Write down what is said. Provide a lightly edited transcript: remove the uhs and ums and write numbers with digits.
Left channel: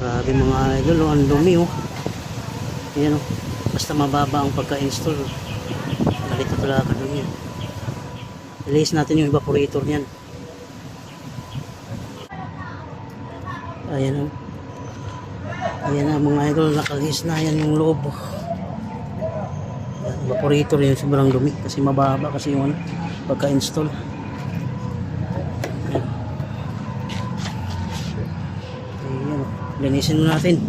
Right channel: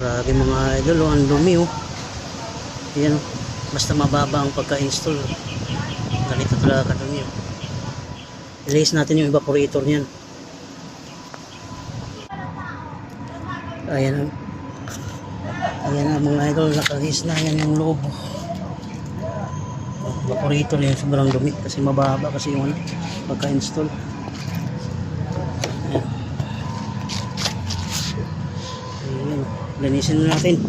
Grabe mga idol, oh, ang dumi oh. Ayan oh. Basta mababa ang pagka-install. Ganito talaga kadumi oh. Release natin yung evaporator niyan. Ayan oh. Ayan na mga idol, nakalis na yan yung loob. Evaporator yan, sobrang dumi kasi mababa kasi yung pagka-install. Ayan, linisin natin.